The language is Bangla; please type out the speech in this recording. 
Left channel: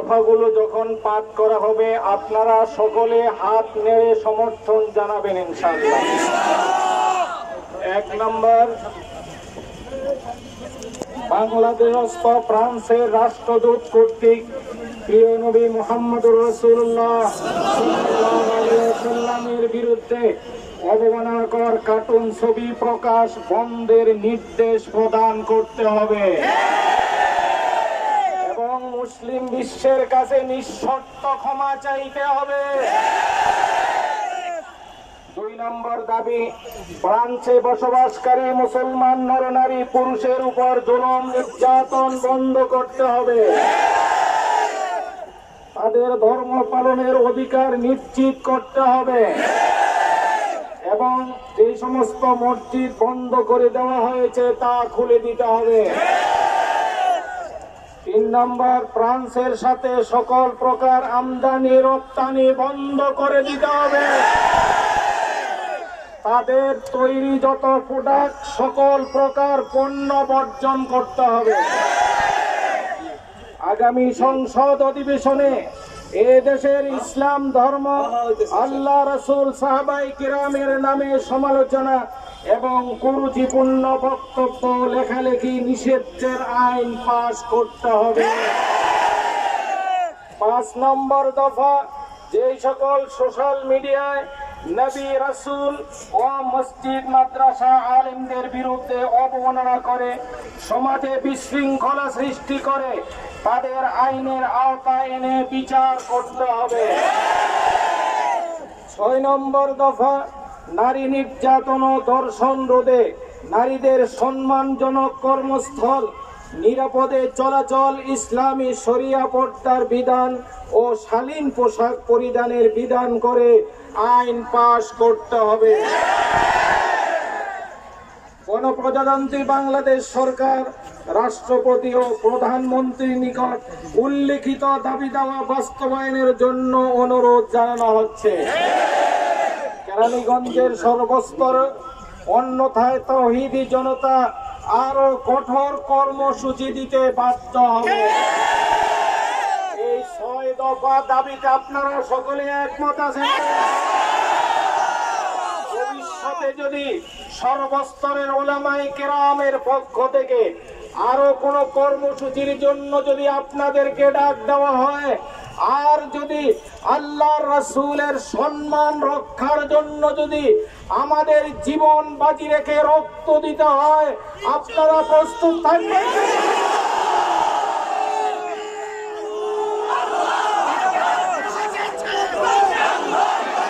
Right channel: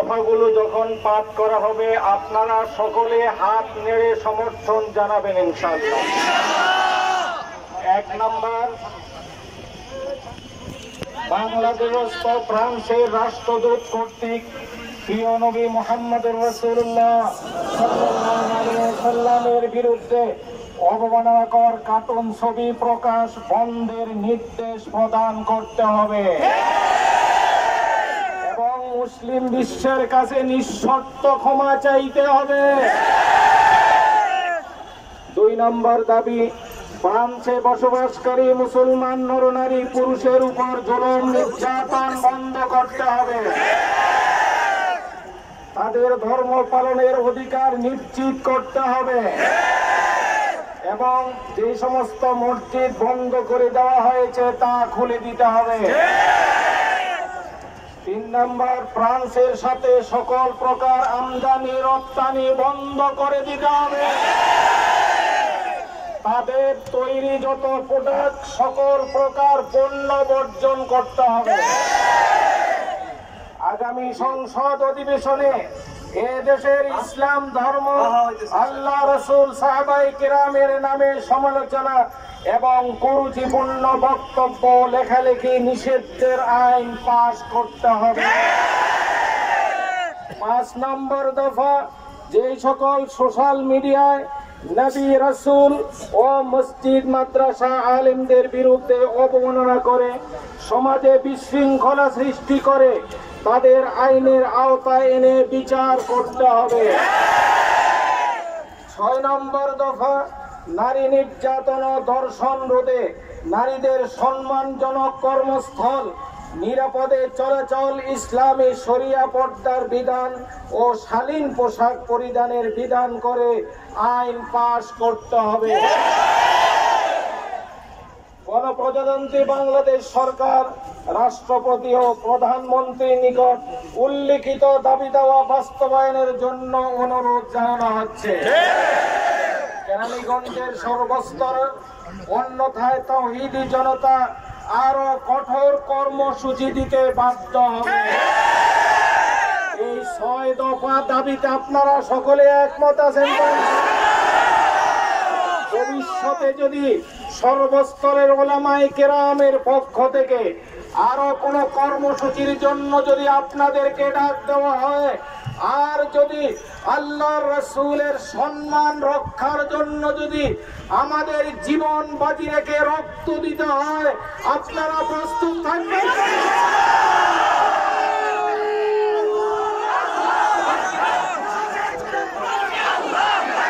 দফাগুলো যখন পাঠ করা হবে আপনারা সকলে হাত নেড়ে সমর্থন জানাবেন ইনশাআল্লাহ। 1 নম্বর, বাংলাদেশস্থ ফ্রান্সের রাষ্ট্রদূত কর্তৃক প্রিয় নবী মুহাম্মদুর রাসূলুল্লাহ সাল্লাল্লাহু আলাইহি ওয়াসাল্লামের বিরুদ্ধে অবমাননাকর কার্টুন ছবি প্রকাশ বন্ধের নির্দেশ প্রদান করতে হবে এবং মুসলিম বিশ্বের কাছে নিঃশর্ত ক্ষমা চাইতে হবে। 2 নম্বর দাবি, ফ্রান্সে বসবাসকারী মুসলমান নরনারী পুরুষের উপর জুলুম নির্যাতন বন্ধ করতে হবে। তাদের ধর্ম পালনের অধিকার নিশ্চিত করতে হবে এবং যে সমস্ত মসজিদ বন্ধ করে দেওয়া হয়েছে তা খুলে দিতে হবে। 3 নম্বর, ফ্রান্সের সাথে সকল প্রকার আমদানি রপ্তানি বন্ধ করে দিতে হবে। তাদের তৈরি যত প্রোডাক্ট সকল প্রকার পণ্য বর্জন করতে হবে। আগামী সংসদ অধিবেশনে এ দেশের ইসলাম ধর্ম, আল্লাহ রাসূল, সাহাবায়ে কিরামের নামে সমালোচনা এবং কুরুচিপূর্ণ বক্তব্য লেখালেখি নিষিদ্ধের আইন পাস করতে হবে। 5 নম্বর দফা, যে সকল সোশ্যাল মিডিয়ায় নবী, রাসূল ও মসজিদ মাদ্রাসা আলেমদের বিরুদ্ধে অবমাননা করে সমাজে বিশৃঙ্খলা সৃষ্টি করে তাদের আইনের আওতায় এনে বিচার করতে হবে। 6 নম্বর দফা, নারী নির্যাতন ও ধর্ষণ রোধে নারীদের সম্মানজনক কর্মস্থল, নিরাপদে চলাচল, ইসলামী শরিয়া পর্দার বিধান ও শালীন পোশাক পরিধানের বিধান করে আইন পাস করতে হবে। গণপ্রজাতন্ত্রী বাংলাদেশ সরকার রাষ্ট্রপতি ও প্রধানমন্ত্রীর নিকট উল্লিখিত দাবি দেওয়া বাস্তবায়নের জন্য অনুরোধ জানানো হচ্ছে। কেরানীগঞ্জের সর্বস্তর, অন্যথায় তাওহীদি জনতা আরো কঠোর কর্মসূচি দিতে বাধ্য হবে। এই 6 দফা দাবিতে আপনারা সকলে একমত আছেন? ভবিষ্যতে যদি সর্বস্তরের উলামায়ে কেরামের পক্ষ থেকে আরো কোন কর্মসূচির জন্য যদি আপনাদেরকে ডাক দেওয়া হয়, আর যদি আল্লাহর রাসূলের সম্মান রক্ষার জন্য যদি আমাদের জীবন বাজি রেখে রক্ত দিতে হয়, আপনারা প্রস্তুত থাকবেন?